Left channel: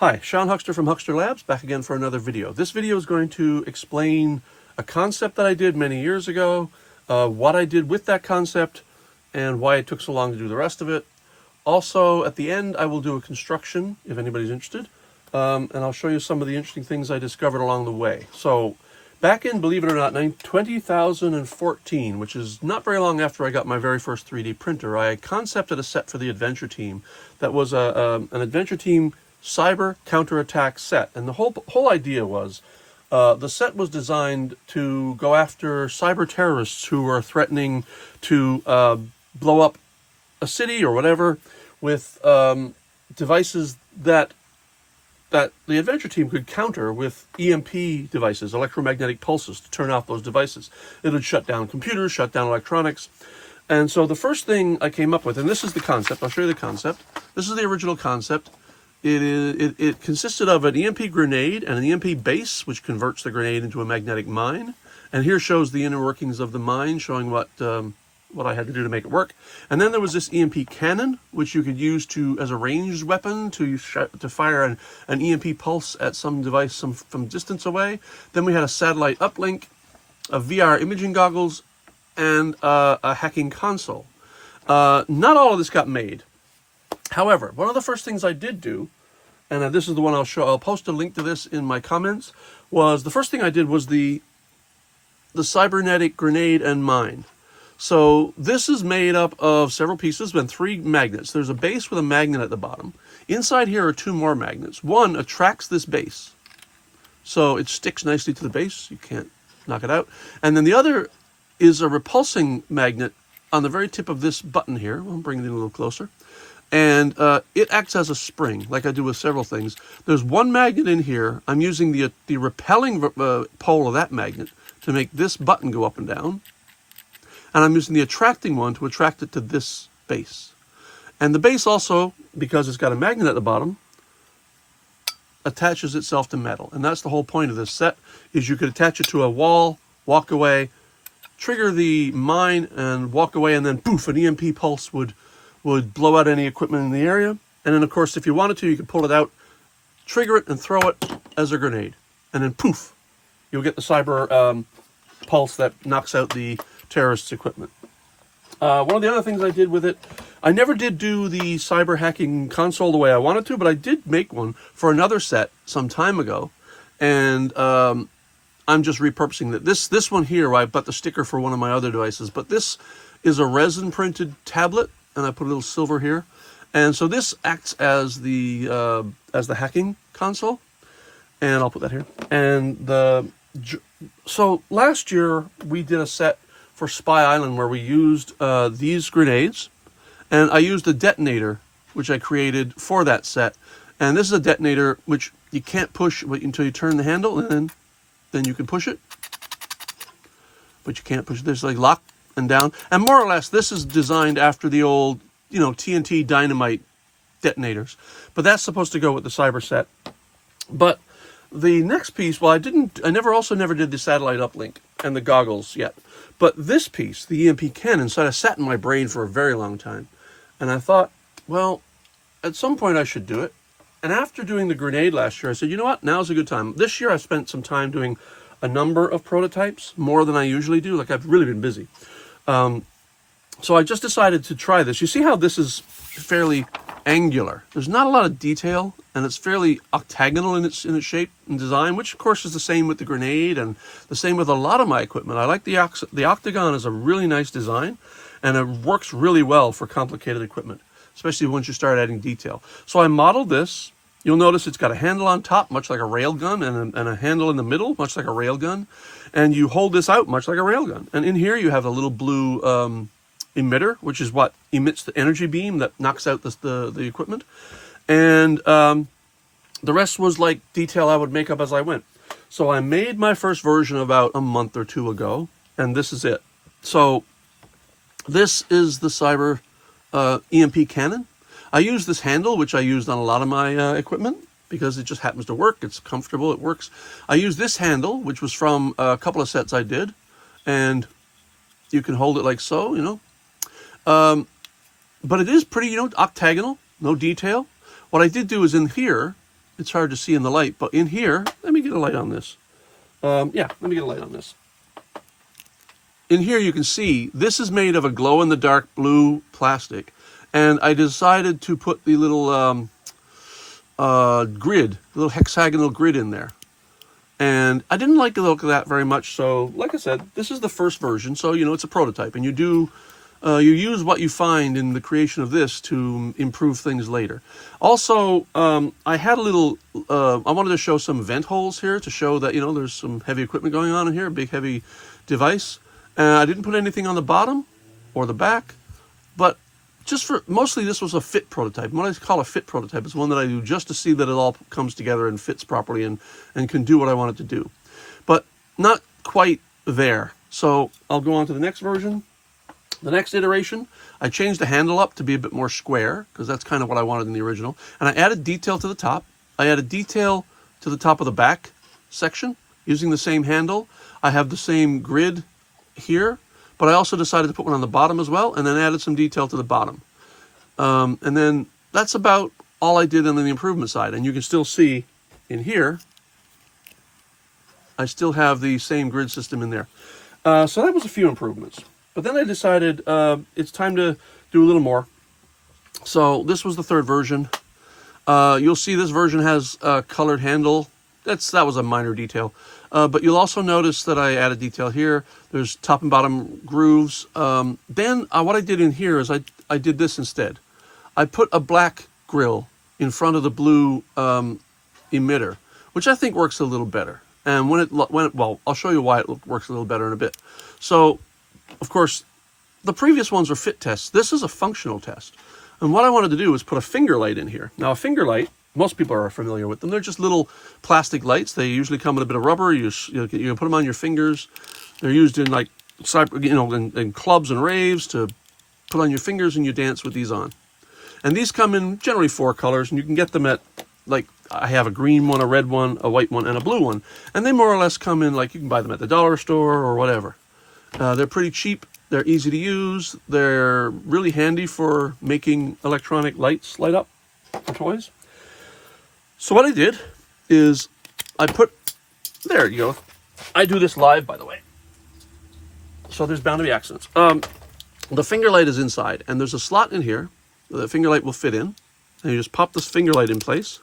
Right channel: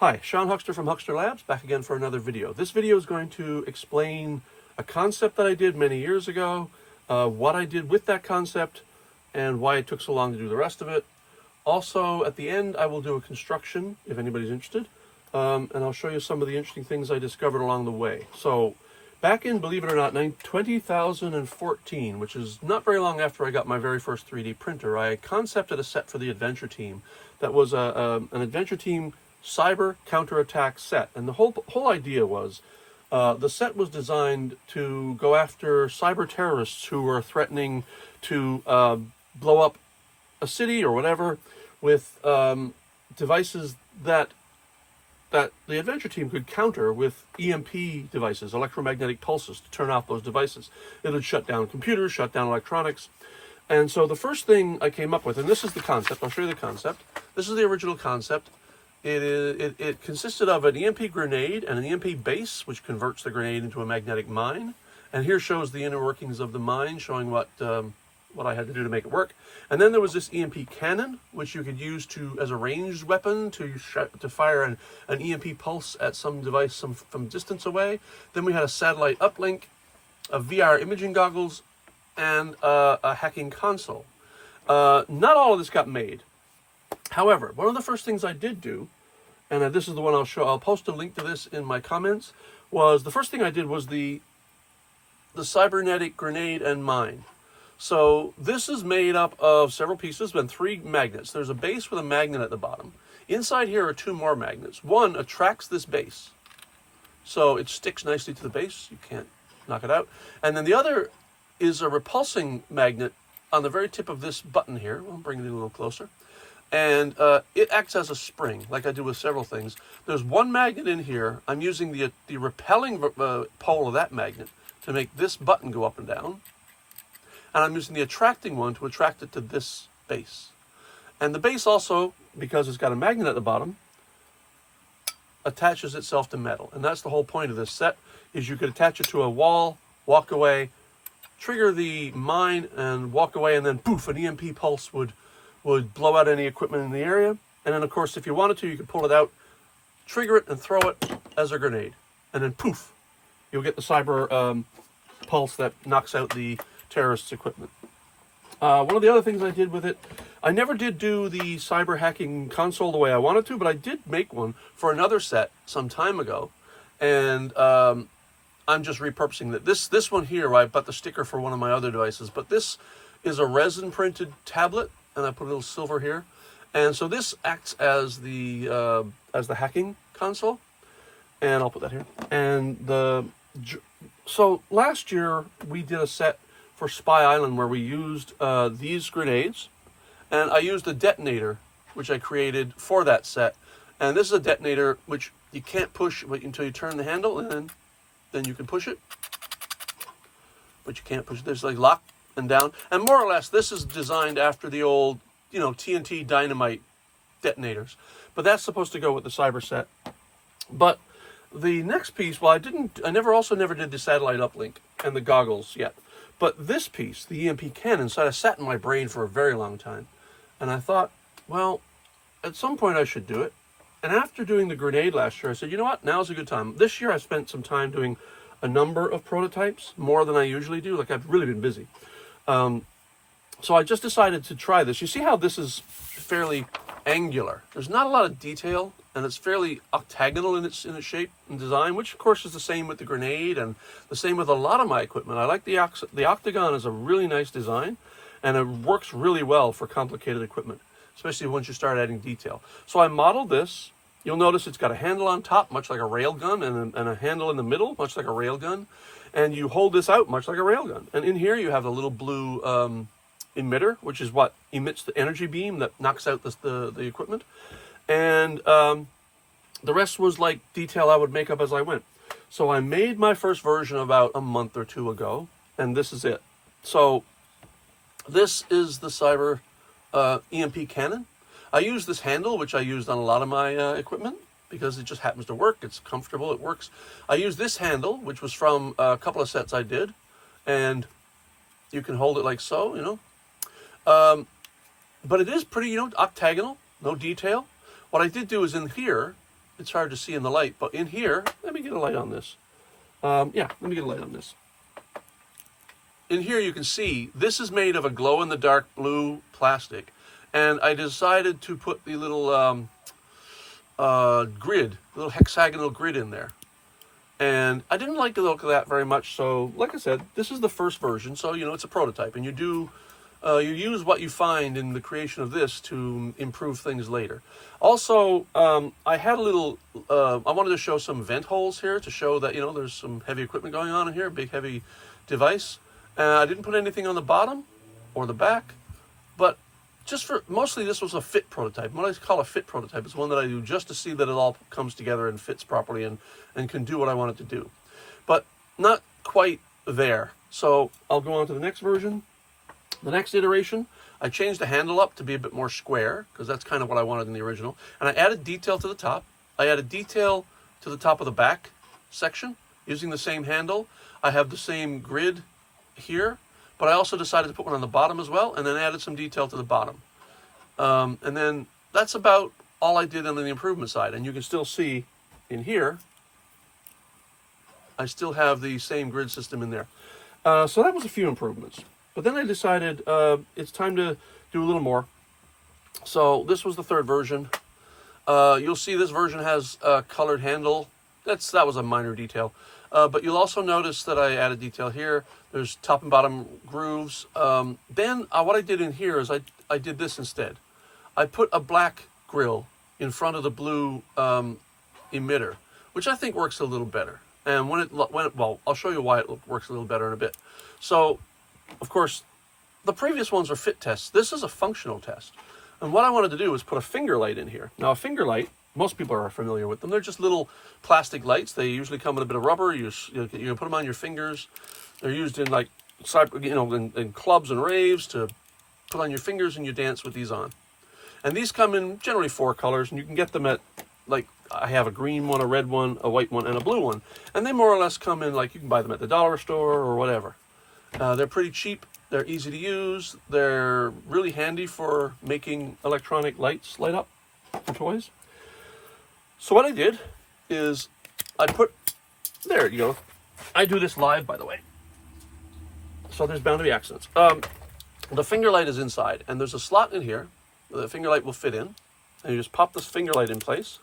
Hi, Sean Huxter from Huxter Labs, back again for another video. This video is going to explain a concept that I did many years ago, what I did with that concept, and why it took so long to do the rest of it. Also, at the end, I will do a construction, if anybody's interested, and I'll show you some of the interesting things I discovered along the way. So, back in, believe it or not, 2014, which is not very long after I got my very first 3D printer, I concepted a set for the Adventure Team that was an Adventure Team cyber counterattack set, and the whole idea was the set was designed to go after cyber terrorists who are threatening to blow up a city or whatever with devices that the Adventure Team could counter with EMP devices, electromagnetic pulses, to turn off those devices. It would shut down computers, shut down electronics. And so the first thing I came up with, and this is the concept, I'll show you the concept. This is the original concept. It consisted of an EMP grenade and an EMP base, which converts the grenade into a magnetic mine. And here shows the inner workings of the mine, showing what I had to do to make it work. And then there was this EMP cannon, which you could use as a ranged weapon to fire an EMP pulse at some device from distance away. Then we had a satellite uplink, a VR imaging goggles, and a hacking console. Not all of this got made. However, one of the first things I did do, and this is the one I'll show, I'll post a link to this in my comments, was the first thing I did was the cybernetic grenade and mine. So this is made up of several pieces and 3 magnets. There's a base with a magnet at the bottom. Inside here are 2 more magnets. One attracts this base, so it sticks nicely to the base. You can't knock it out. And then the other is a repulsing magnet on the very tip of this button here. I'll bring it in a little closer. And it acts as a spring, like I do with several things. There's one magnet in here. I'm using the repelling pole of that magnet to make this button go up and down. And I'm using the attracting one to attract it to this base. And the base also, because it's got a magnet at the bottom, attaches itself to metal. And that's the whole point of this set, is you could attach it to a wall, walk away, trigger the mine, and walk away, and then poof, an EMP pulse would blow out any equipment in the area. And then, of course, if you wanted to, you could pull it out, trigger it, and throw it as a grenade. And then poof, you'll get the cyber pulse that knocks out the terrorists' equipment. One of the other things I did with it, I never did do the cyber hacking console the way I wanted to, but I did make one for another set some time ago. And I'm just repurposing it. This one here, I bought the sticker for one of my other devices, but this is a resin printed tablet, and I put a little silver here. And so this acts as the hacking console, and I'll put that here. And so last year we did a set for Spy Island where we used these grenades, and I used a detonator which I created for that set. And this is a detonator which you can't push until you turn the handle, and then you can push it, but you can't push it. There's like lock and down, and more or less this is designed after the old, TNT dynamite detonators, but that's supposed to go with the cyber set. But the next piece, well, I never did the satellite uplink and the goggles yet, but this piece, the EMP Cannon, sat in my brain for a very long time, and I thought, well, at some point I should do it. And after doing the grenade last year, I said, you know what, now's a good time. This year I spent some time doing a number of prototypes, more than I usually do. Like, I've really been busy. So I just decided to try this. You see how this is fairly angular. There's not a lot of detail, and it's fairly octagonal in its shape and design, which of course is the same with the grenade and the same with a lot of my equipment. I like the octagon is a really nice design, and it works really well for complicated equipment, especially once you start adding detail. So I modeled this. You'll notice it's got a handle on top, much like a railgun, and a handle in the middle, much like a railgun. And you hold this out, much like a railgun. And in here you have a little blue emitter, which is what emits the energy beam that knocks out the equipment. And the rest was like detail I would make up as I went. So I made my first version about a month or 2 ago, and this is it. So this is the cyber EMP Cannon. I use this handle, which I used on a lot of my equipment, because it just happens to work. It's comfortable, it works. I use this handle, which was from a couple of sets I did, and you can hold it like so, But it is pretty, octagonal, no detail. What I did do is in here, it's hard to see in the light, but in here, let me get a light on this. Yeah, let me get a light on this. In here you can see this is made of a glow-in-the-dark blue plastic, and I decided to put the little grid, little hexagonal grid in there. And I didn't like the look of that very much, so like I said, this is the first version, so you know it's a prototype, and you use what you find in the creation of this to improve things later. Also, I had a little, I wanted to show some vent holes here to show that, you know, there's some heavy equipment going on in here, a big heavy device. I didn't put anything on the bottom or the back, but just for, mostly this was a fit prototype. What I call a fit prototype is one that I do just to see that it all comes together and fits properly and can do what I want it to do. But not quite there. So I'll go on to the next version. The next iteration, I changed the handle up to be a bit more square, because that's kind of what I wanted in the original. And I added detail to the top. I added detail to the top of the back section using the same handle. I have the same grid here, but I also decided to put one on the bottom as well, and then added some detail to the bottom. And then that's about all I did on the improvement side. And you can still see in here, I still have the same grid system in there. So that was a few improvements. But then I decided it's time to do a little more. So this was the third version. You'll see this version has a colored handle. That was a minor detail. But you'll also notice that I added detail here. There's top and bottom grooves. Then what I did in here is I did this instead. I put a black grill in front of the blue emitter, which I think works a little better. And well, I'll show you why it works a little better in a bit. So, of course, the previous ones were fit tests. This is a functional test. And what I wanted to do was put a finger light in here. Now, a finger light, most people are familiar with them. They're just little plastic lights. They usually come in a bit of rubber. You put them on your fingers. They're used in, like, you know, in clubs and raves to put on your fingers, and you dance with these on. And these come in generally 4 colors, and you can get them at, like, I have a green one, a red one, a white one, and a blue one. And they more or less come in, like, you can buy them at the dollar store or whatever. They're pretty cheap. They're easy to use. They're really handy for making electronic lights light up for toys. So what I did is there you go. I do this live, by the way. So there's bound to be accidents. The finger light is inside, and there's a slot in here that the finger light will fit in. And you just pop this finger light in place.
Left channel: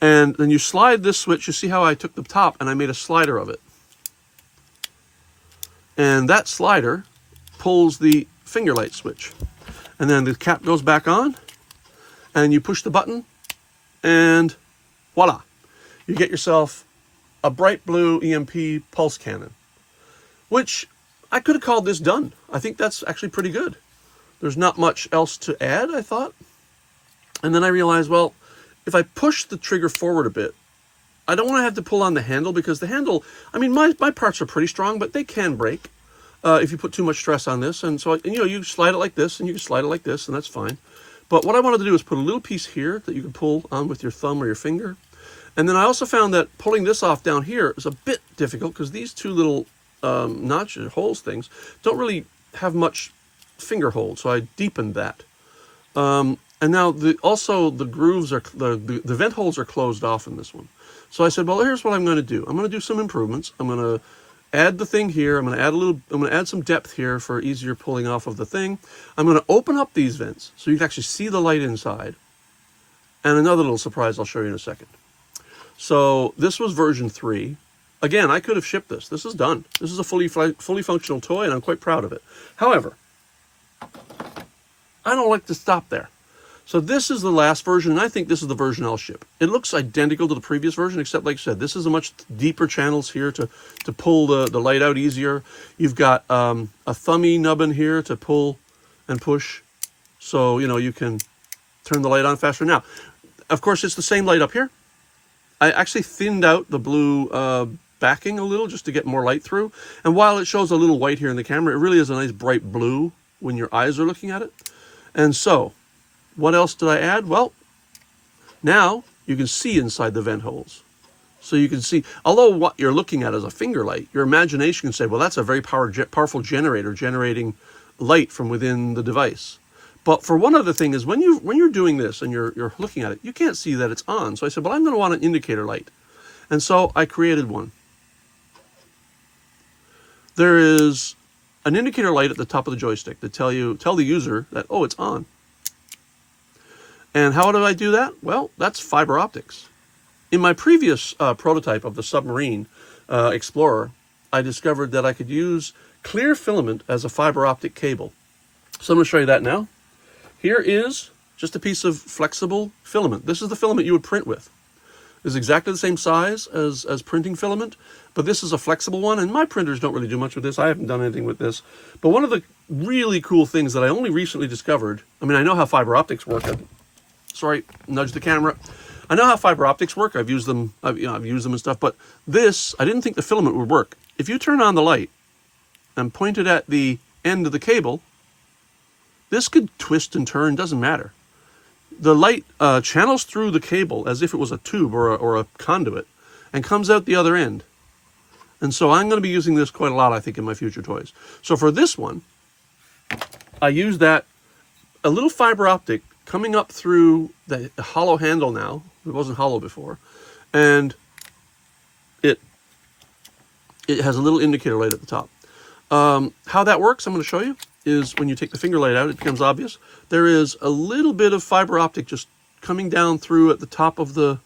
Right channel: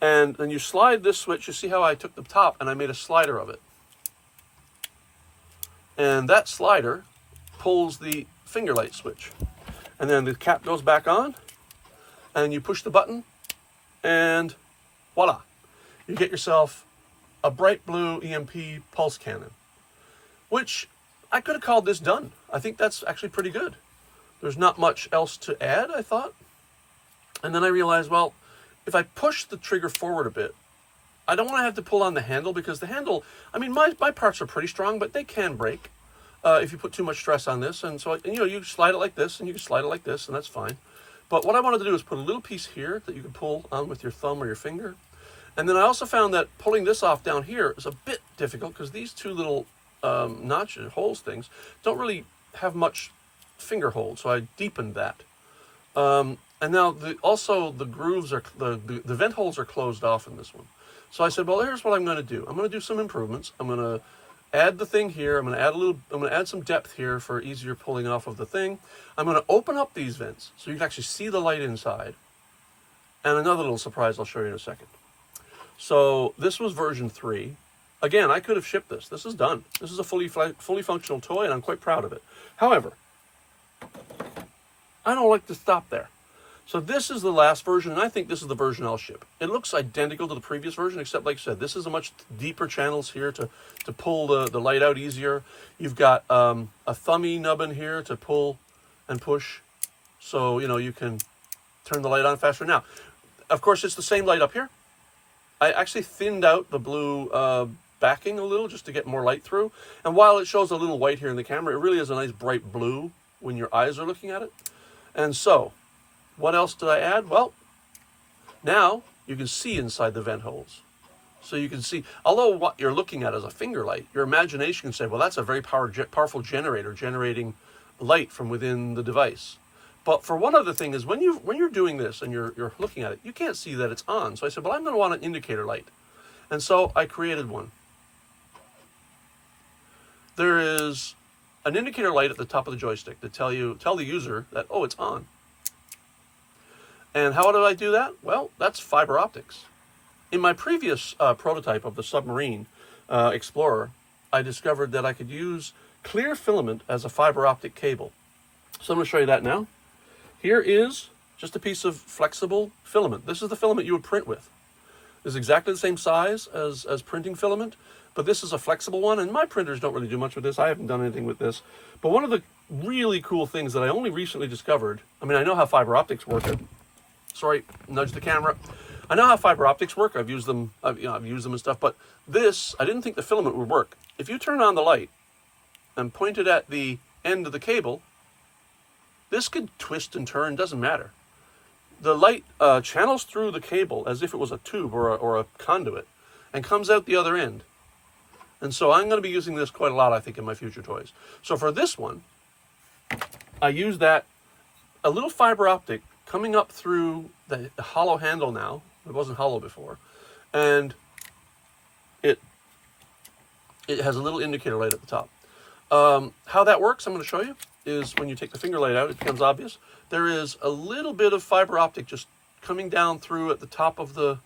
And then you slide this switch. You see how I took the top and I made a slider of it. And that slider pulls the finger light switch. And then the cap goes back on, and you push the button, and voila. You get yourself a bright blue EMP pulse cannon, which I could have called this done. I think that's actually pretty good. There's not much else to add, I thought. And then I realized, well, if I push the trigger forward a bit, I don't want to have to pull on the handle, because the handle, I mean, my parts are pretty strong, but they can break if you put too much stress on this. And so, you know, you slide it like this, and you can slide it like this, and that's fine. But what I wanted to do is put a little piece here that you can pull on with your thumb or your finger. And then I also found that pulling this off down here is a bit difficult, because these two little notches, holes things, don't really have much finger hold. So I deepened that. And now also the grooves are, the vent holes are closed off in this one. So I said, well, here's what I'm going to do. I'm going to do some improvements. I'm going to add the thing here. I'm going to add some depth here for easier pulling off of the thing. I'm going to open up these vents so you can actually see the light inside. And another little surprise I'll show you in a second. So this was version 3. Again, I could have shipped this. This is done. This is a fully functional toy, and I'm quite proud of it. However, I don't like to stop there. So this is the last version, and I think this is the version I'll ship. It looks identical to the previous version, except, like I said, this is a much deeper channels here to pull the light out easier. You've got a thummy nubbin here to pull and push, so, you know, you can turn the light on faster. Now, of course, it's the same light up here. I actually thinned out the blue backing a little just to get more light through. And while it shows a little white here in the camera, it really is a nice bright blue when your eyes are looking at it. And so, what else did I add? Well, now you can see inside the vent holes. So you can see, although what you're looking at is a finger light, your imagination can say, well, that's a very powerful generator generating light from within the device. But for one other thing is when you're doing this and you're looking at it, you can't see that it's on. So I said, but I'm going to want an indicator light. And so I created one. There is an indicator light at the top of the joystick that tell the user that, oh, it's on. And how did I do that? Well, that's fiber optics. In my previous prototype of the submarine Explorer, I discovered that I could use clear filament as a fiber optic cable. So I'm going to show you that now. Here is just a piece of flexible filament. This is the filament you would print with. It's exactly the same size as printing filament, but this is a flexible one, and my printers don't really do much with this. I haven't done anything with this. But one of the really cool things that I only recently discovered, I mean, I know how fiber optics work. Sorry, nudge the camera. I know how fiber optics work. I've used them and stuff, but this, I didn't think the filament would work. If you turn on the light and point it at the end of the cable, this could twist and turn, doesn't matter. The light channels through the cable as if it was a tube or a conduit and comes out the other end. And so I'm going to be using this quite a lot, I think, in my future toys. So for this one, I used a little fiber optic coming up through the hollow handle now. It wasn't hollow before. And it has a little indicator light at the top. How that works, I'm going to show you, is when you take the finger light out, it becomes obvious. There is a little bit of fiber optic just coming down through at the top of the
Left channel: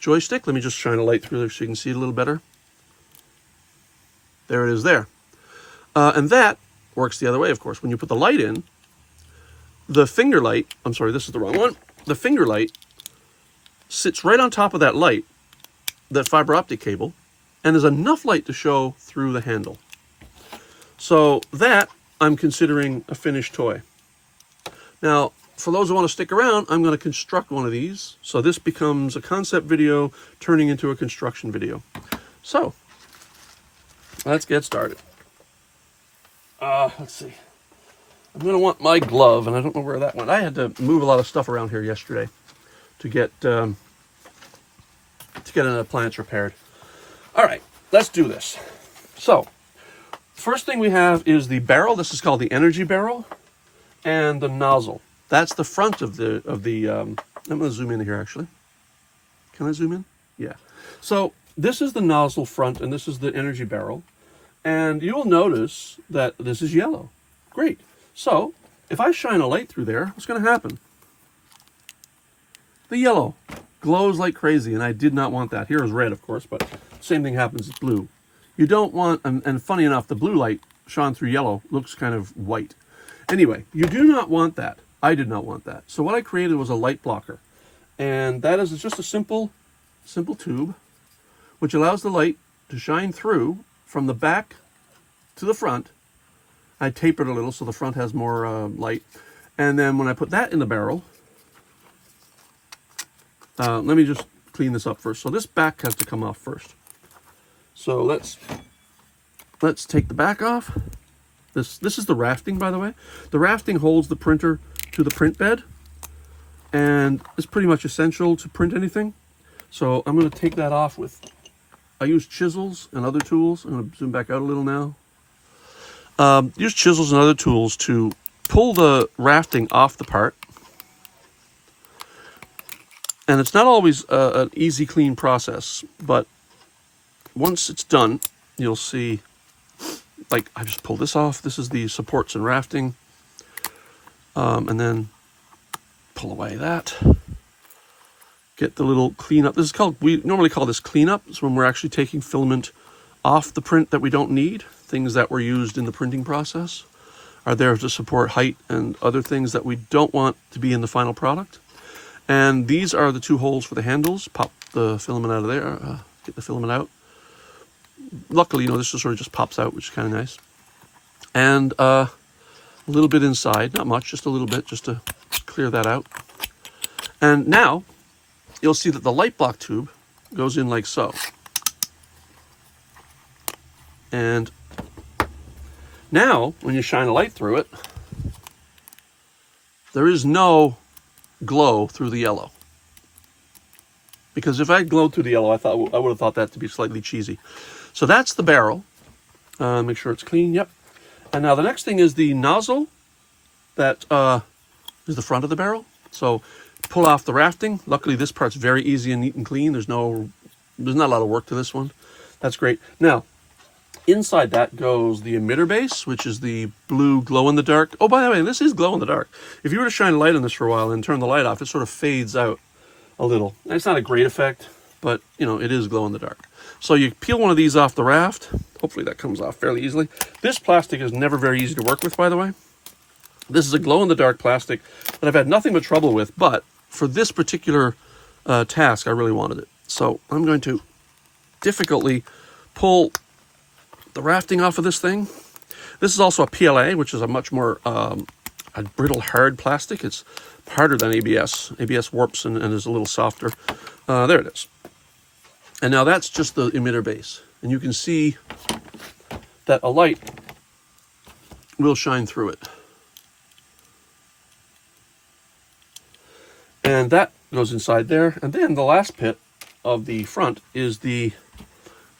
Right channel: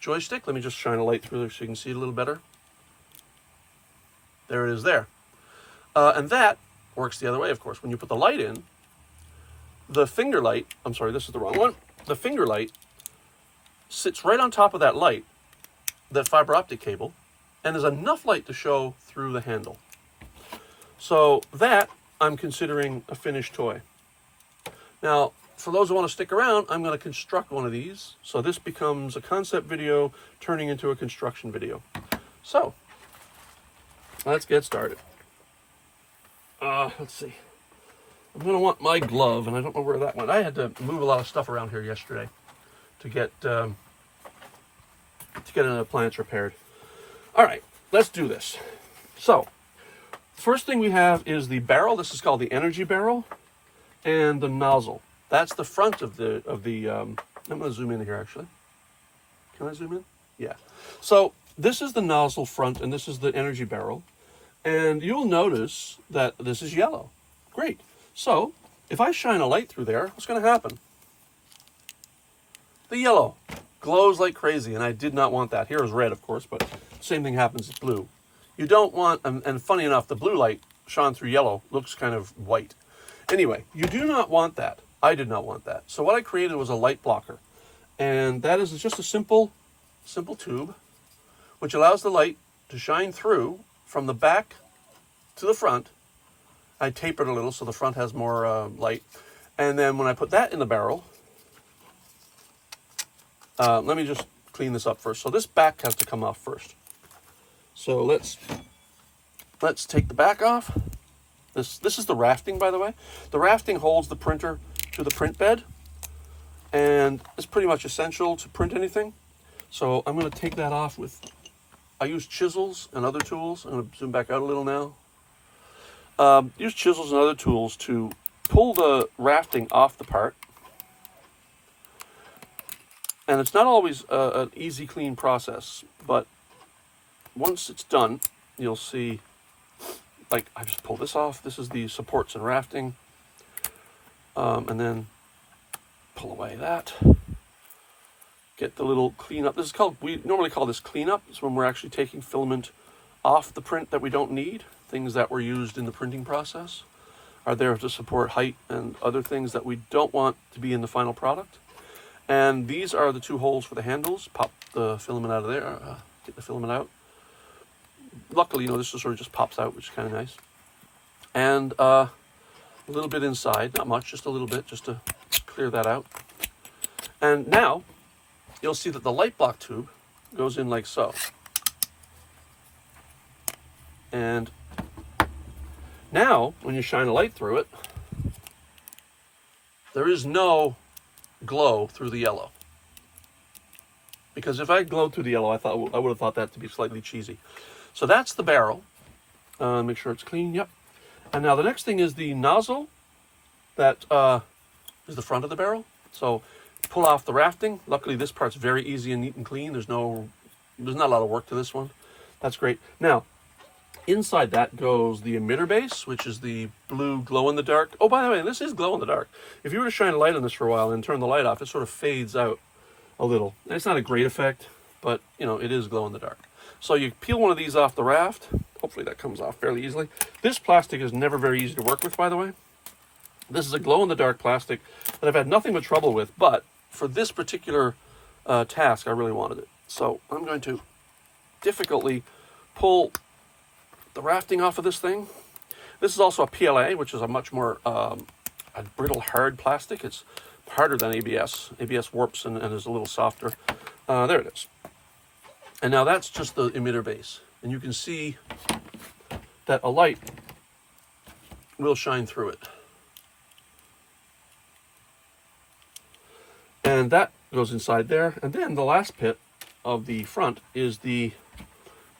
joystick. Let me just shine a light through there so you can see it a little better. There it is there. And that works the other way, of course. When you put the light in, the finger light, I'm sorry, this is the wrong one. The finger light sits right on top of that light, that fiber optic cable, and there's enough light to show through the handle. So that I'm considering a finished toy. Now, for those who want to stick around, I'm going to construct one of these. So this becomes a concept video turning into a construction video. So, let's get started. Let's see. I'm going to want my glove, and I don't know where that went. I had to move a lot of stuff around here yesterday to get an appliance repaired. All right, let's do this. So, first thing we have is the barrel. This is called the energy barrel, and the nozzle. That's the front of the. I'm going to zoom in here actually. Can I zoom in? Yeah. So this is the nozzle front, and this is the energy barrel, and you will notice that this is yellow. Great. So if I shine a light through there, what's going to happen? The yellow glows like crazy, and I did not want that. Here is red, of course, but same thing happens with blue. You don't want, and funny enough, the blue light shone through yellow looks kind of white. Anyway, you do not want that. I did not want that. So what I created was a light blocker. And that is just a simple tube, which allows the light to shine through from the back to the front. I tapered a little so the front has more light. And then when I put that in the barrel, let me just clean this up first. So this back has to come off first. So let's take the back off. This is the rafting, by the way. The rafting holds the printer to the print bed, and it's pretty much essential to print anything. So I'm going to take that off with, I use chisels and other tools. I'm going to zoom back out a little now. Use chisels and other tools to pull the rafting off the part. And it's not always an easy, clean process, but once it's done, you'll see, like, I just pull this off. This is the supports and rafting. And then pull away that. Get the little cleanup. This is called, we normally call this cleanup. It's when we're actually taking filament off the print that we don't need. Things that were used in the printing process are there to support height and other things that we don't want to be in the final product. And these are the two holes for the handles. Pop the filament out of there. Get the filament out. Luckily, this just sort of just pops out, which is kind of nice. And a little bit inside, not much, just a little bit, just to clear that out. And now, you'll see that the light block tube goes in like so. And now, when you shine a light through it, there is no glow through the yellow. Because if I glowed through the yellow, I would have thought that to be slightly cheesy. So that's the barrel. Make sure it's clean. Yep. And now the next thing is the nozzle that is the front of the barrel. So pull off the rafting. Luckily, this part's very easy and neat and clean. There's not a lot of work to this one. That's great. Now, inside that goes the emitter base, which is the blue glow-in-the-dark. Oh, by the way, this is glow-in-the-dark. If you were to shine light on this for a while and turn the light off, it sort of fades out a little. And it's not a great effect, but, you know, it is glow-in-the-dark. So you peel one of these off the raft. Hopefully that comes off fairly easily. This plastic is never very easy to work with, by the way. This is a glow-in-the-dark plastic that I've had nothing but trouble with, but for this particular task, I really wanted it. So I'm going to difficultly pull the rafting off of this thing. This is also a PLA, which is a much more a brittle, hard plastic. It's harder than ABS. ABS warps and is a little softer. There it is. And now that's just the emitter base. And you can see that a light will shine through it. And that goes inside there. And then the last pit of the front is the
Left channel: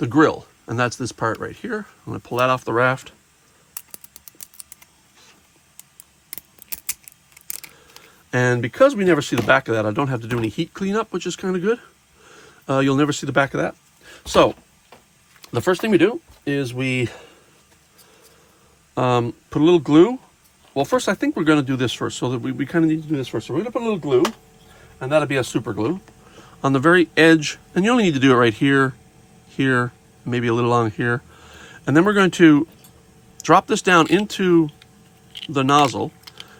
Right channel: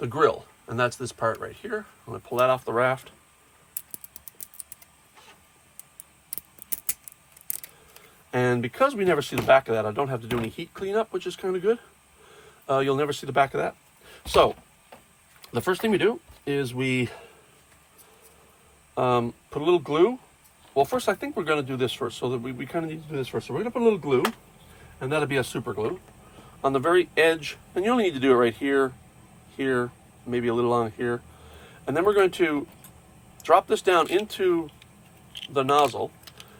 grill. And that's this part right here. I'm going to pull that off the raft. And because we never see the back of that, I don't have to do any heat cleanup, which is kind of good. You'll never see the back of that. So the first thing we do is we put a little glue. Well, first I think we're going to do this first. So that we kind of need to do this first. So we're going to put a little glue, and that'll be a super glue on the very edge. And you only need to do it right here, here, maybe a little on here. And then we're going to drop this down into the nozzle,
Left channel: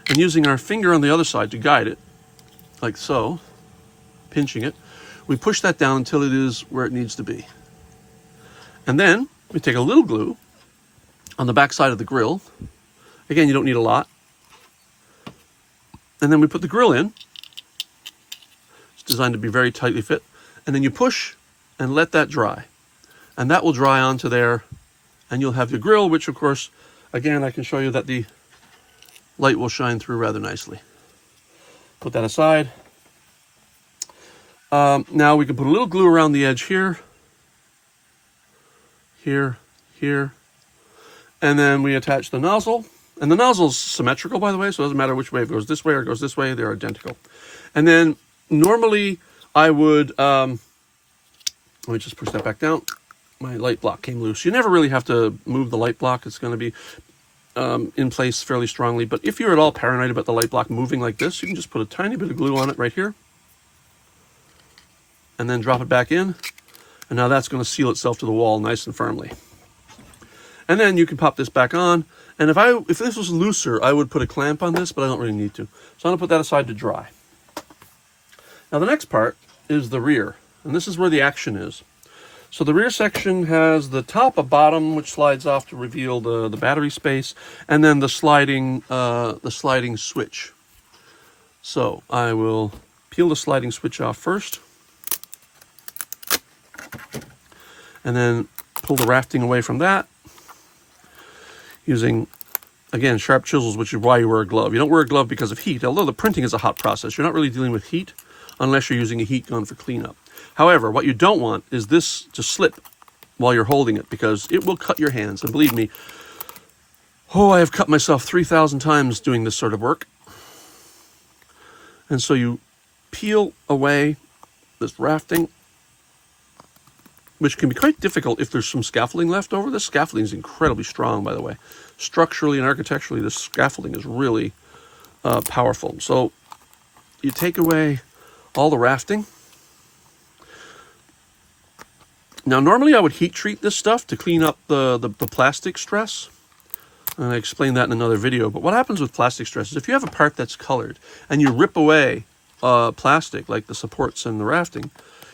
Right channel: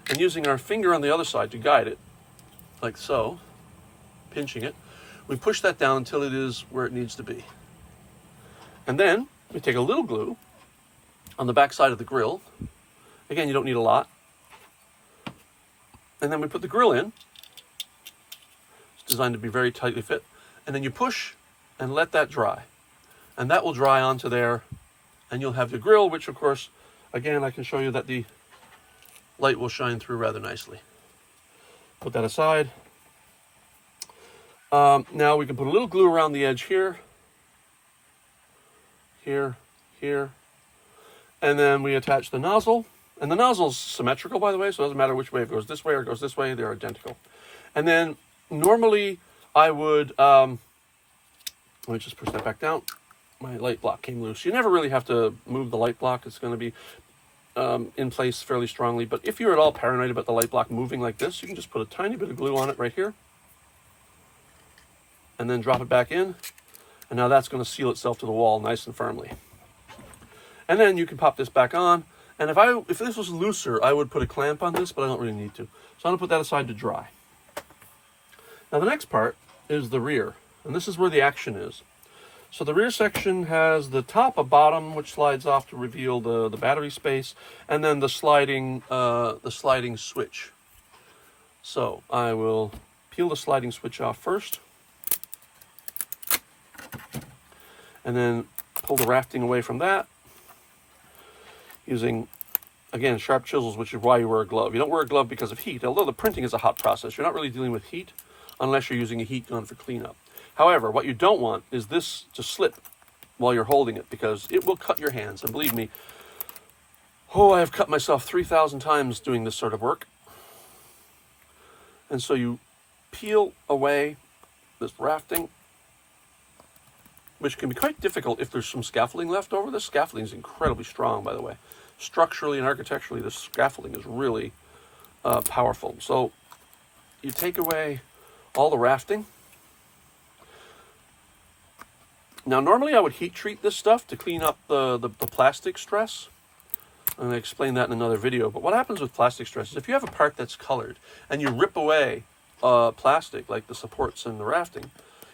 and using our finger on the other side to guide it, like so, pinching it, we push that down until it is where it needs to be. And then we take a little glue on the back side of the grill. Again, you don't need a lot. And then we put the grill in. It's designed to be very tightly fit. And then you push and let that dry. And that will dry onto there, and you'll have your grill, which of course, again, I can show you that the light will shine through rather nicely. Put that aside. Now we can put a little glue around the edge here, here, here, and then we attach the nozzle. And the nozzle's symmetrical, by the way, so it doesn't matter which way. If it goes this way or it goes this way, they're identical. And then normally I would, let me just push that back down. My light block came loose. You never really have to move the light block. It's going to be in place fairly strongly. But if you're at all paranoid about the light block moving like this, you can just put a tiny bit of glue on it right here. And then drop it back in. And now that's going to seal itself to the wall nice and firmly. And then you can pop this back on. And if this was looser, I would put a clamp on this, but I don't really need to. So I'm going to put that aside to dry. Now the next part is the rear. And this is where the action is. So the rear section has the top, a bottom, which slides off to reveal the battery space, and then the sliding switch. So I will peel the sliding switch off first, and then pull the rafting away from that, using, again, sharp chisels, which is why you wear a glove. You don't wear a glove because of heat, although the printing is a hot process. You're not really dealing with heat unless you're using a heat gun for cleanup. However, what you don't want is this to slip while you're holding it, because it will cut your hands. And believe me, I have cut myself 3,000 times doing this sort of work. And so you peel away this rafting, which can be quite difficult if there's some scaffolding left over. This scaffolding is incredibly strong, by the way. Structurally and architecturally, this scaffolding is really powerful. So you take away all the rafting. Now, normally I would heat treat this stuff to clean up the plastic stress. And I explained that in another video. But what happens with plastic stress is if you have a part that's colored and you rip away plastic, like the supports and the rafting,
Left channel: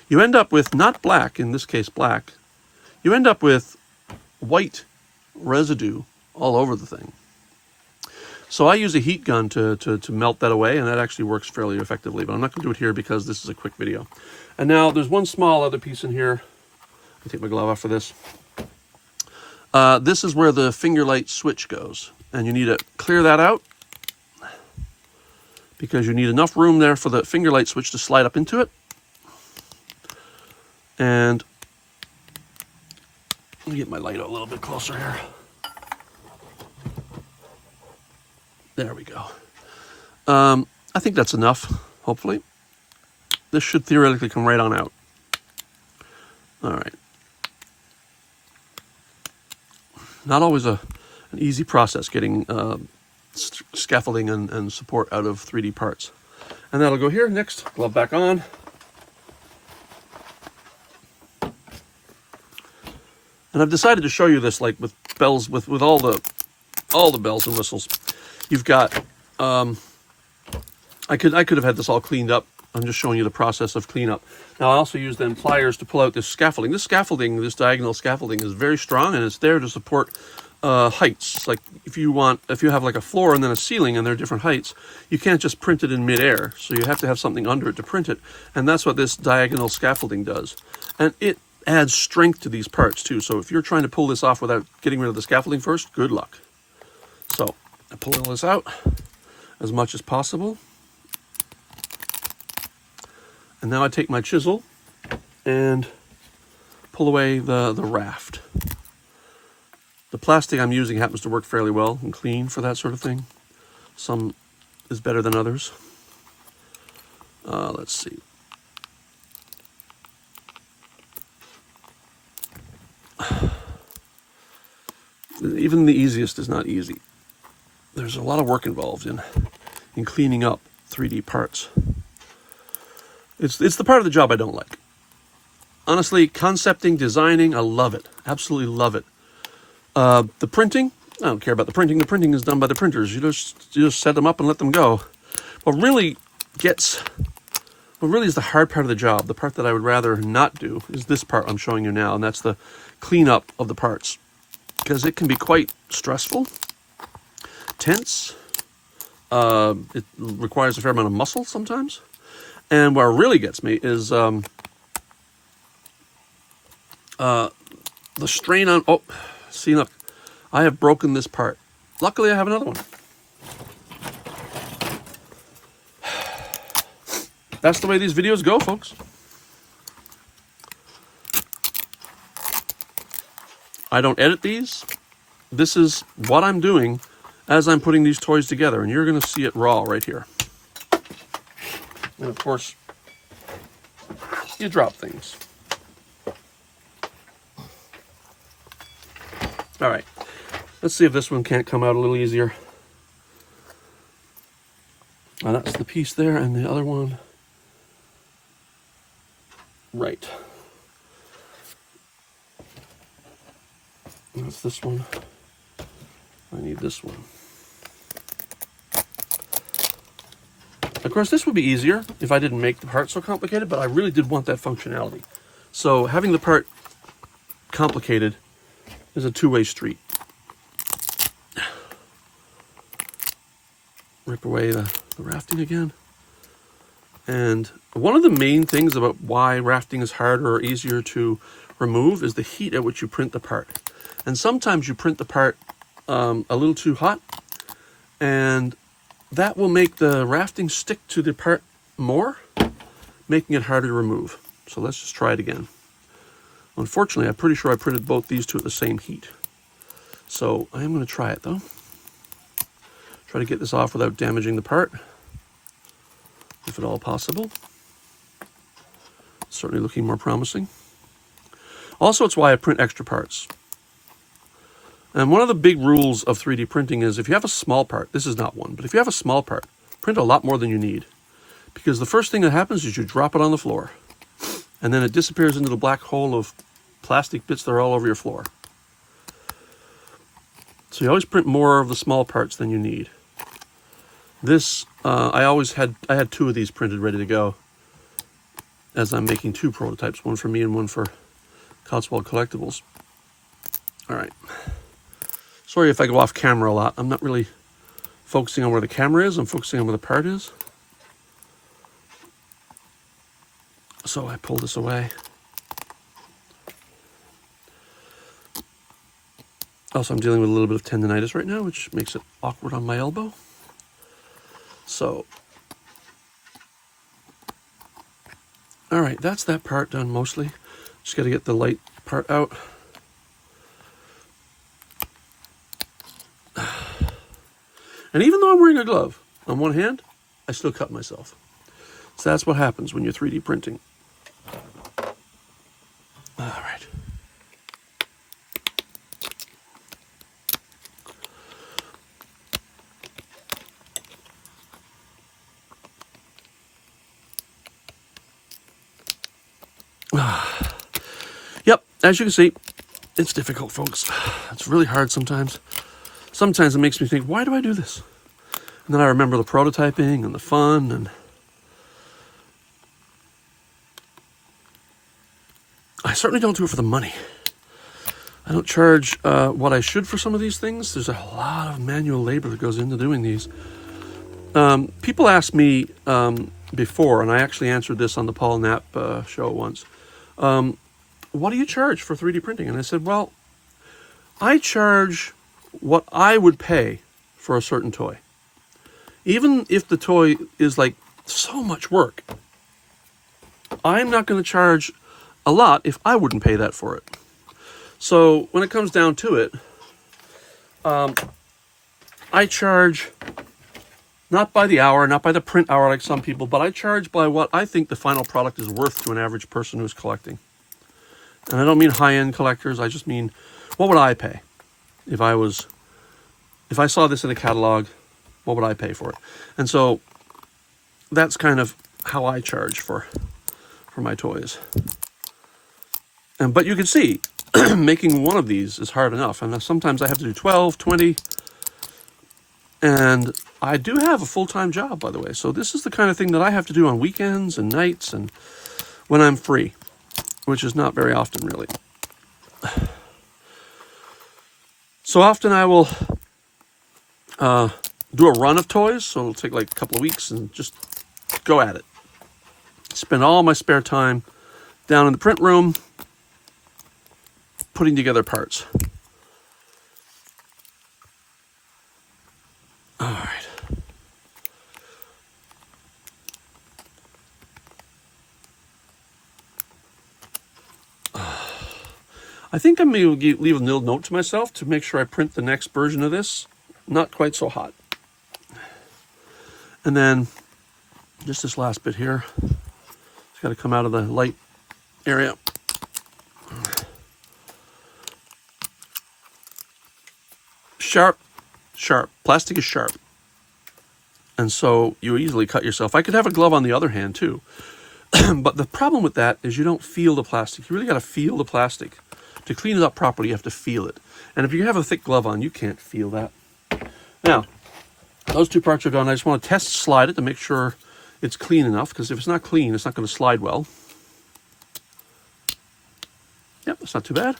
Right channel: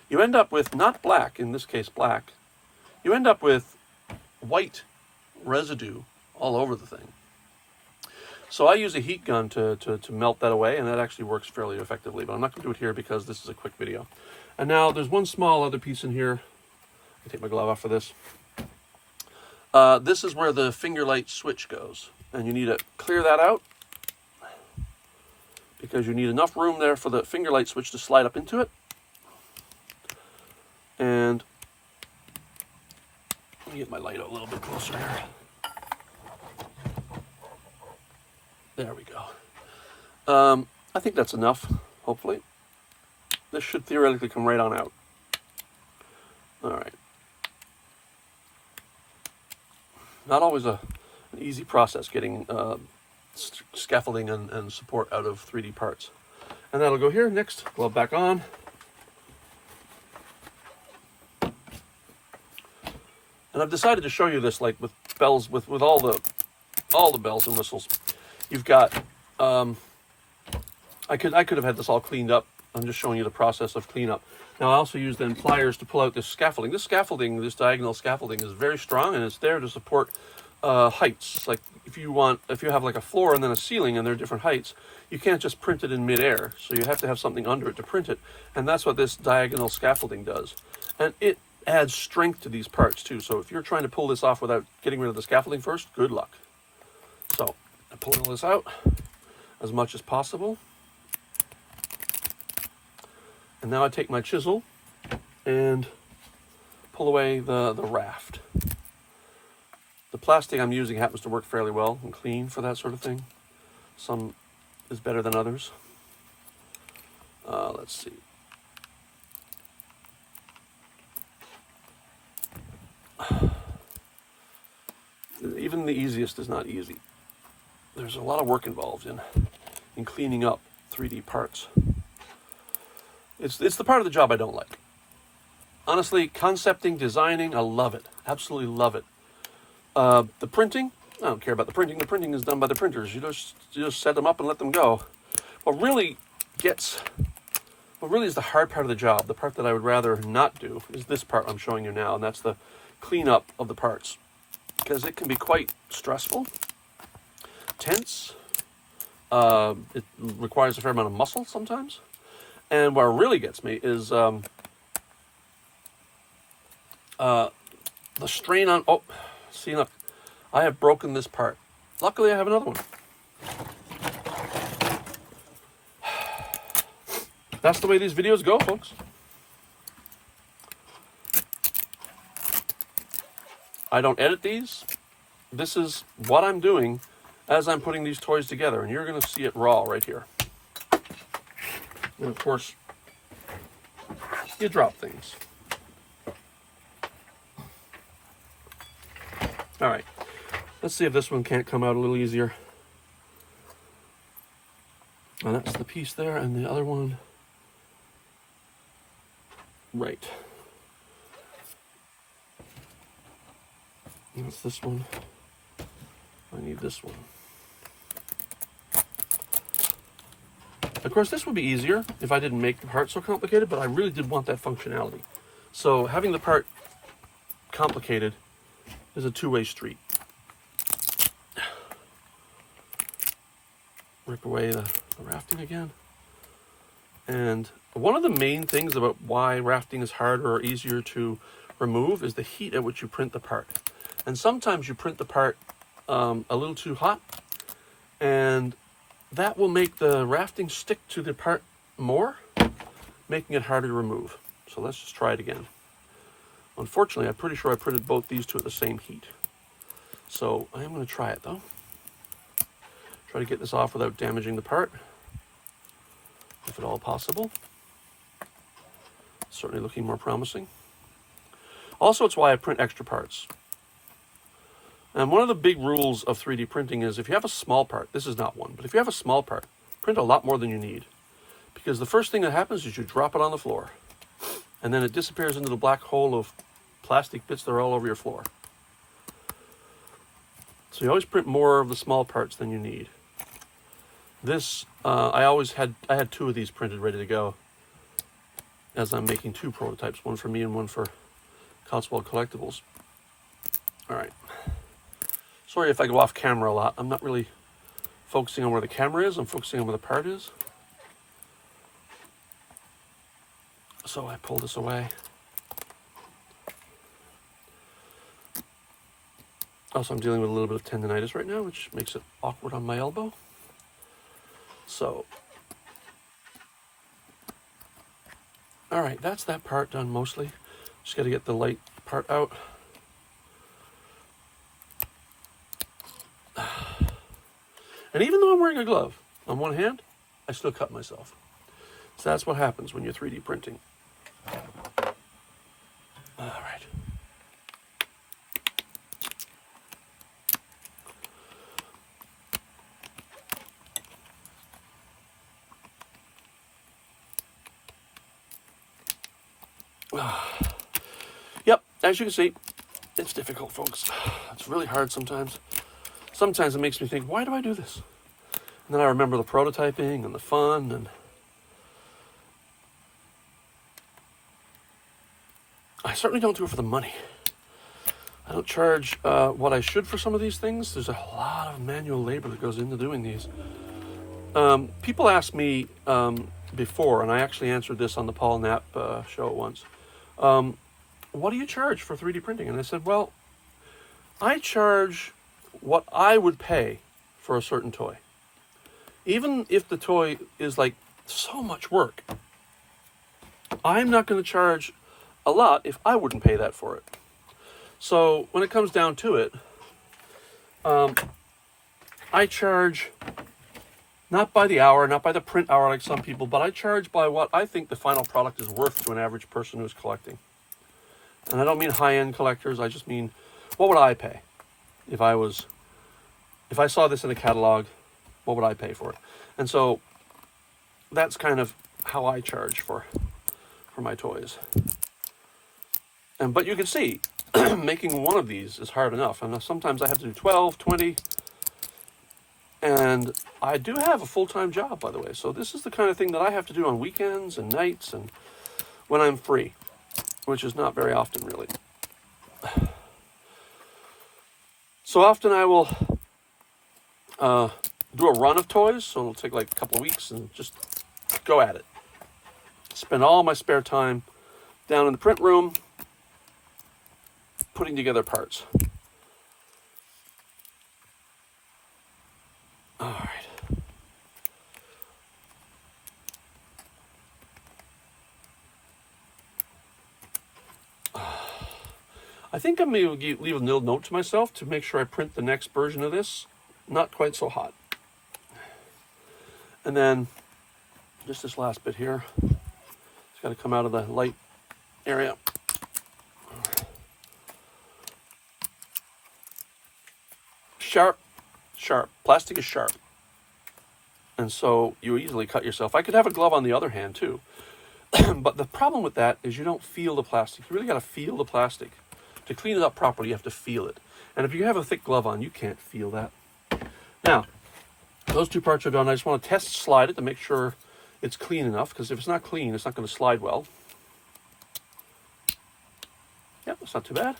you end up with not black, in this case black, you end up with white residue all over the thing. So I use a heat gun to melt that away, and that actually works fairly effectively. But I'm not going to do it here because this is a quick video. And now there's one small other piece in here. I'll take my glove off for this. This is where the finger light switch goes. And you need to clear that out, because you need enough room there for the finger light switch to slide up into it. And let me get my light a little bit closer here. There we go. think that's enough, hopefully. This should theoretically come right on out. All right. Not always an easy process getting scaffolding and support out of 3D parts. And that'll go here. Next, glove back on. And I've decided to show you this like with bells, with all the bells and whistles. You've got, I could have had this all cleaned up. I'm just showing you the process of cleanup. Now I also use then pliers to pull out this scaffolding. This scaffolding, this diagonal scaffolding, is very strong and it's there to support heights. Like if you have like a floor and then a ceiling and they're different heights, you can't just print it in midair. So you have to have something under it to print it. And that's what this diagonal scaffolding does. And it adds strength to these parts too. So if you're trying to pull this off without getting rid of the scaffolding first, good luck. So I pull all this out as much as possible. And now I take my chisel and pull away the raft. The plastic I'm using happens to work fairly well and clean for that sort of thing. Some is better than others. Let's see. Even the easiest is not easy. There's a lot of work involved in cleaning up 3D parts. It's the part of the job I don't like. Honestly, concepting, designing, I love it. Absolutely love it. The printing, I don't care about the printing. The printing is done by the printers. You just set them up and let them go. What really is the hard part of the job, the part that I would rather not do, is this part I'm showing you now, and that's the cleanup of the parts. Because it can be quite stressful, tense. It requires a fair amount of muscle sometimes. And what really gets me is the strain on, oh, see, look, I have broken this part. Luckily, I have another one. That's the way these videos go, folks. I don't edit these. This is what I'm doing as I'm putting these toys together, and you're going to see it raw right here. And of course, you drop things. All right, let's see if this one can't come out a little easier. Now that's the piece there, and the other one, right. That's this one. I need this one. Of course, this would be easier if I didn't make the part so complicated, but I really did want that functionality. So having the part complicated is a two-way street. Rip away the rafting again. And one of the main things about why rafting is harder or easier to remove is the heat at which you print the part. And sometimes you print the part a little too hot, and that will make the rafting stick to the part more, making it harder to remove. So let's just try it again. Unfortunately, I'm pretty sure I printed both these two at the same heat. So I am going to try it though. Try to get this off without damaging the part, if at all possible. Certainly looking more promising. Also, it's why I print extra parts. And one of the big rules of 3D printing is if you have a small part, this is not one, but if you have a small part, print a lot more than you need. Because the first thing that happens is you drop it on the floor. And then it disappears into the black hole of plastic bits that are all over your floor. So you always print more of the small parts than you need. This, I had two of these printed ready to go, as I'm making two prototypes, one for me and one for Cotswold Collectibles. All right. Sorry if I go off camera a lot. I'm not really focusing on where the camera is. I'm focusing on where the part is. So I pull this away. Also, I'm dealing with a little bit of tendonitis right now, which makes it awkward on my elbow. So, all right, that's that part done mostly. Just got to get the light part out. And even though I'm wearing a glove on one hand, I still cut myself. So that's what happens when you're 3D printing. All right. Yep, as you can see, it's difficult, folks. It's really hard sometimes. Sometimes it makes me think, why do I do this? And then I remember the prototyping and the fun, and I certainly don't do it for the money. I don't charge what I should for some of these things. There's a lot of manual labor that goes into doing these. People asked me before, and I actually answered this on the Paul Knapp show once, what do you charge for 3D printing? And I said, well, I charge what I would pay for a certain toy. Even if the toy is like so much work, I'm not going to charge a lot if I wouldn't pay that for it. So when it comes down to it, I charge not by the hour, not by the print hour like some people, but I charge by what I think the final product is worth to an average person who's collecting. And I don't mean high-end collectors, I just mean, what would I pay? If I saw this in a catalog, what would I pay for it? And so that's kind of how I charge for my toys. But you can see, making one of these is hard enough. And sometimes I have to do 12, 20. And I do have a full-time job, by the way. So this is the kind of thing that I have to do on weekends and nights and when I'm free, which is not very often, really. So often I will do a run of toys. So it'll take like a couple of weeks and just go at it. Spend all my spare time down in the print room putting together parts. All right. I think I'm going to leave a little note to myself to make sure I print the next version of this. Not quite so hot. And then just this last bit here. It's got to come out of the light area. Sharp, sharp. Plastic is sharp. And so you easily cut yourself. I could have a glove on the other hand too. But the problem with that is you don't feel the plastic. You really got to feel the plastic. To clean it up properly, you have to feel it. And if you have a thick glove on, you can't feel that. Now, those two parts are done. I just want to test slide it to make sure it's clean enough, because if it's not clean, it's not going to slide well. Yep, that's not too bad.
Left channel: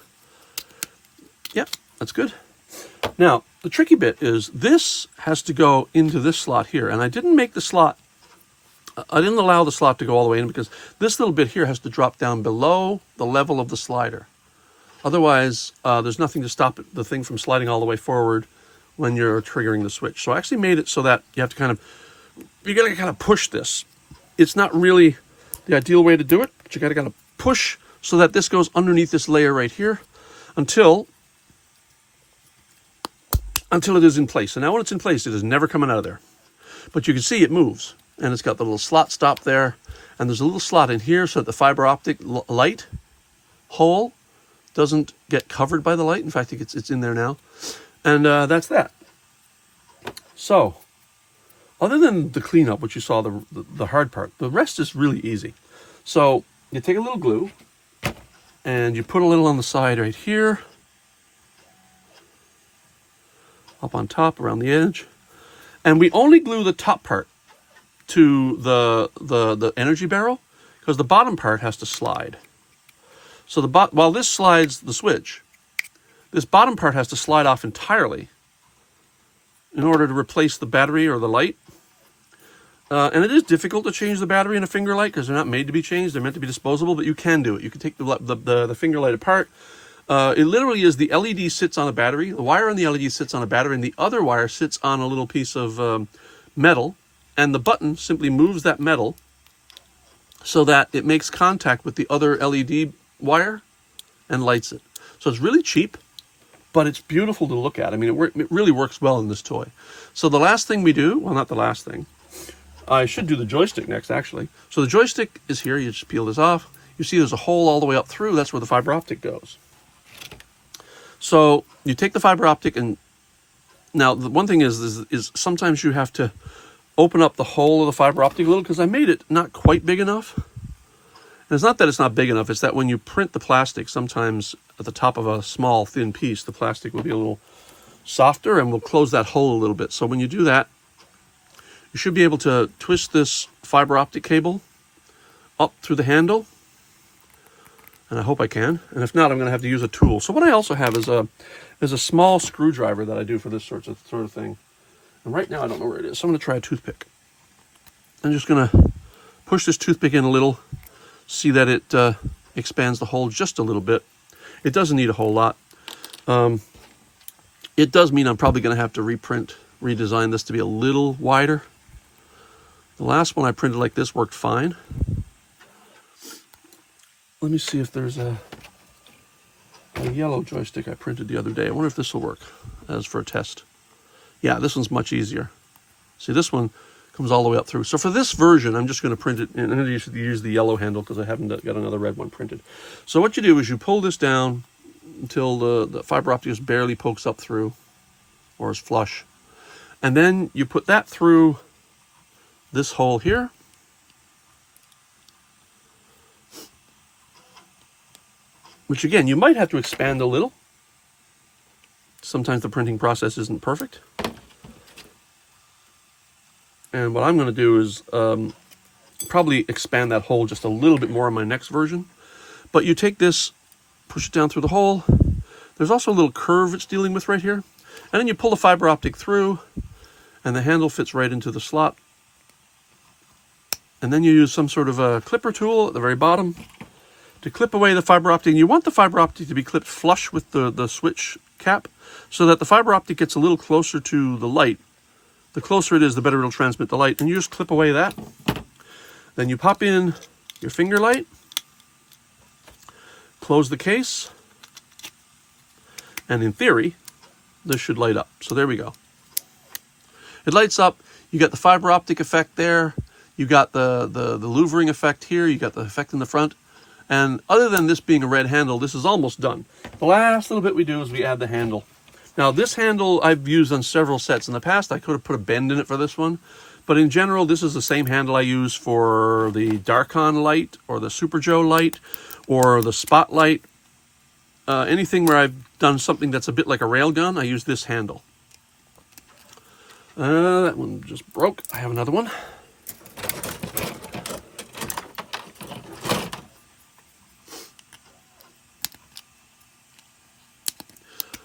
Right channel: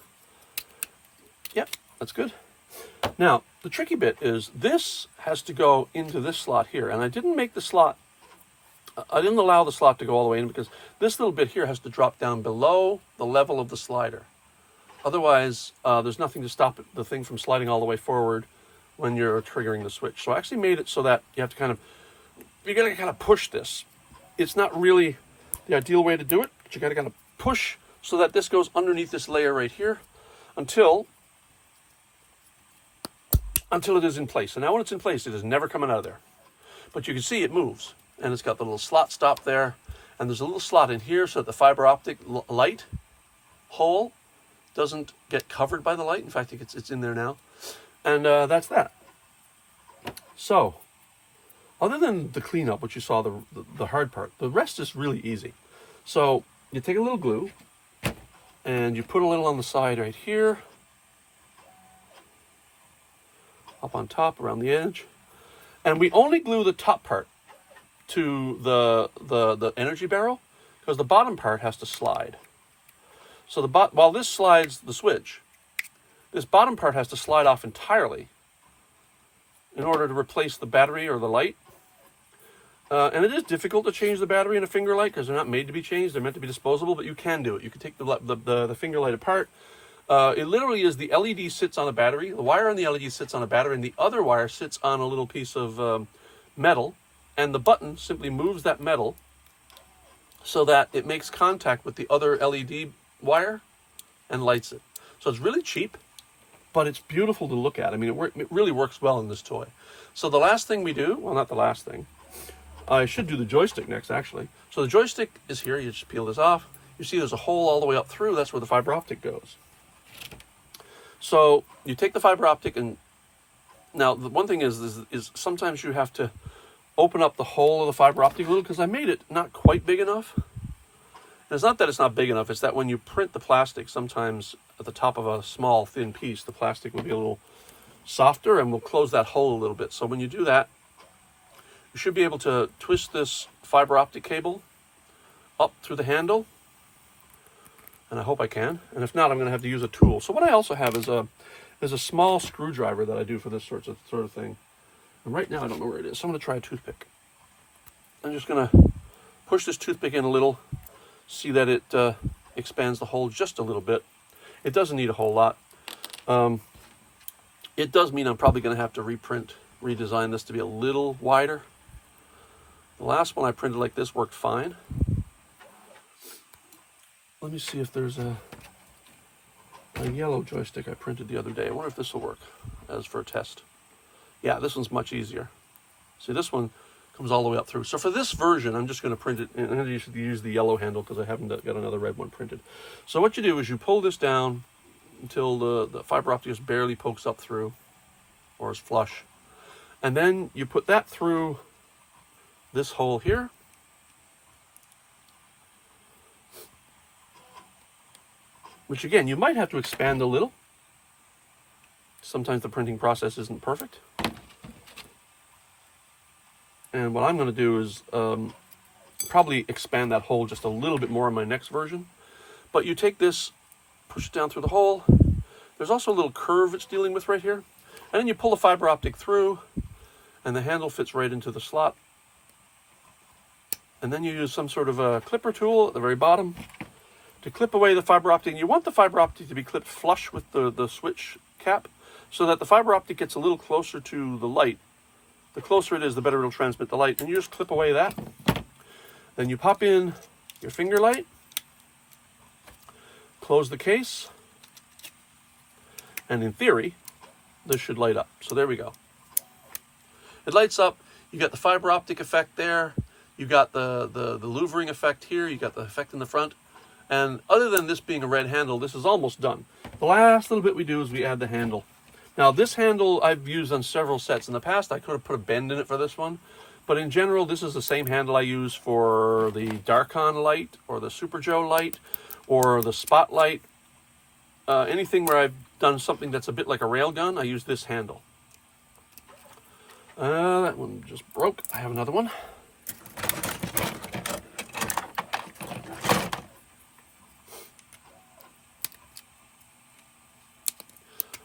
Yep, that's good. Now, the tricky bit is this has to go into this slot here, and I didn't make the slot, I didn't allow the slot to go all the way in because this little bit here has to drop down below the level of the slider. Otherwise, there's nothing to stop the thing from sliding all the way forward when you're triggering the switch. So I actually made it so that you have to you gotta kind of push this. It's not really the ideal way to do it, but you gotta kind of push so that this goes underneath this layer right here until it is in place. And now when it's in place, it is never coming out of there. But you can see it moves, and it's got the little slot stop there, and there's a little slot in here so that the fiber optic light hole doesn't get covered by the light. In fact, I think it's in there now. And that's that. So, other than the cleanup, which you saw the hard part, the rest is really easy. So, you take a little glue, and you put a little on the side right here, up on top, around the edge. And we only glue the top part to the energy barrel, because the bottom part has to slide. So while this slides the switch, this bottom part has to slide off entirely in order to replace the battery or the light. And it is difficult to change the battery in a finger light because they're not made to be changed. They're meant to be disposable, but you can do it. You can take the finger light apart. It literally is the LED sits on a battery. The wire on the LED sits on a battery, and the other wire sits on a little piece of metal. And the button simply moves that metal so that it makes contact with the other LED wire and lights it. So it's really cheap, but it's beautiful to look at. I mean, it really works well in this toy. So the last thing we do, well, not the last thing, I should do the joystick next, actually. So the joystick is here. You just peel this off. You see there's a hole all the way up through. That's where the fiber optic goes. So you take the fiber optic, and now the one thing is sometimes you have to open up the hole of the fiber optic a little, because I made it not quite big enough. And it's not that it's not big enough, it's that when you print the plastic, sometimes at the top of a small thin piece, the plastic will be a little softer, and we'll close that hole a little bit. So when you do that, you should be able to twist this fiber optic cable up through the handle, and I hope I can. And if not, I'm going to have to use a tool. So what I also have is a small screwdriver that I do for this sort of thing. And right now I don't know where it is, so I'm going to try a toothpick. I'm just going to push this toothpick in a little, see that it expands the hole just a little bit. It doesn't need a whole lot. It does mean I'm probably going to have to redesign this to be a little wider. The last one I printed like this worked fine. Let me see if there's a yellow joystick I printed the other day. I wonder if this will work as for a test. Yeah, this one's much easier. See, this one comes all the way up through. So for this version, I'm just going to print it, and I'm going to use the yellow handle because I haven't got another red one printed. So what you do is you pull this down until the fiber optic just barely pokes up through, or is flush. And then you put that through this hole here. Which again, you might have to expand a little. Sometimes the printing process isn't perfect. And what I'm going to do is probably expand that hole just a little bit more in my next version. But you take this, push it down through the hole. There's also a little curve it's dealing with right here. And then you pull the fiber optic through, and the handle fits right into the slot. And then you use some sort of a clipper tool at the very bottom to clip away the fiber optic. You want the fiber optic to be clipped flush with the switch cap, so that the fiber optic gets a little closer to the light. The closer it is, the better it'll transmit the light. And you just clip away that. Then you pop in your finger light, close the case, and in theory, this should light up. So there we go. It lights up. You got the fiber optic effect there. You got the louvering effect here. You got the effect in the front. And other than this being a red handle, this is almost done. The last little bit we do is we add the handle. Now this handle I've used on several sets in the past. I could have put a bend in it for this one. But in general, this is the same handle I use for the Darkon light or the Super Joe light or the Spotlight. Anything where I've done something that's a bit like a railgun, I use this handle. That one just broke. I have another one.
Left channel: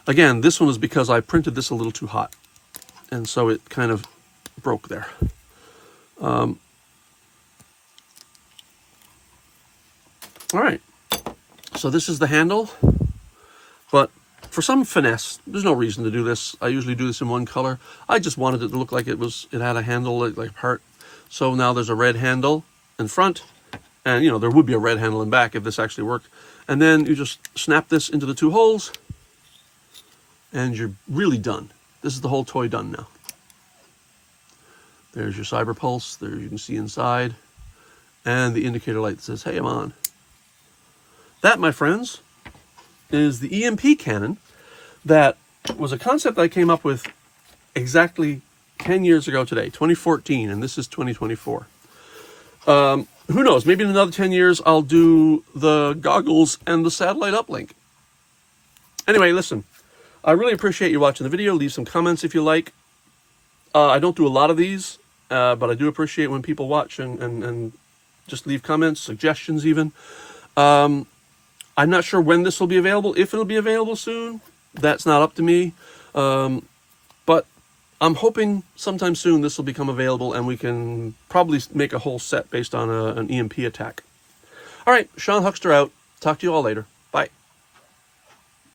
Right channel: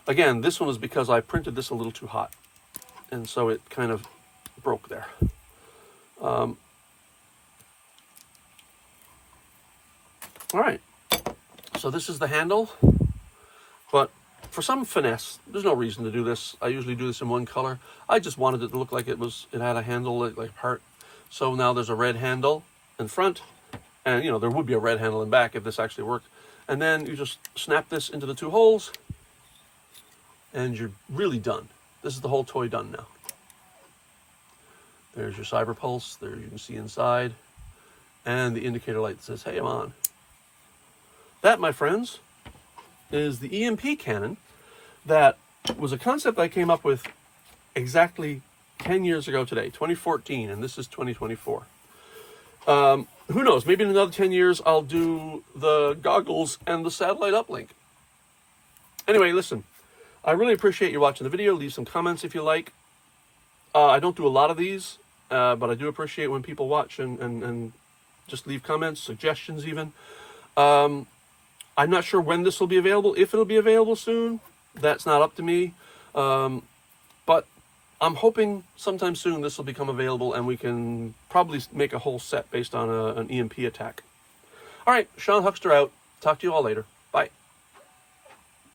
Again, this one is because I printed this a little too hot, and so it kind of broke there. All right, so this is the handle, but for some finesse, there's no reason to do this. I usually do this in one color. I just wanted it to look like it had a handle like a heart. So now there's a red handle in front, and you know, there would be a red handle in back if this actually worked. And then you just snap this into the two holes, and you're really done. This is the whole toy done now. There's your cyber pulse. There you can see inside, and the indicator light that says, "Hey, I'm on." That, my friends, is the EMP Cannon. That was a concept I came up with exactly 10 years ago today, 2014, and this is 2024. Who knows? Maybe in another 10 years, I'll do the goggles and the satellite uplink. Anyway, listen. I really appreciate you watching the video. Leave some comments if you like. I don't do a lot of these, but I do appreciate when people watch and just leave comments, suggestions even. I'm not sure when this will be available. If it'll be available soon, that's not up to me. But I'm hoping sometime soon this will become available and we can probably make a whole set based on an EMP attack. All right, Sean Huxter out. Talk to you all later. Bye.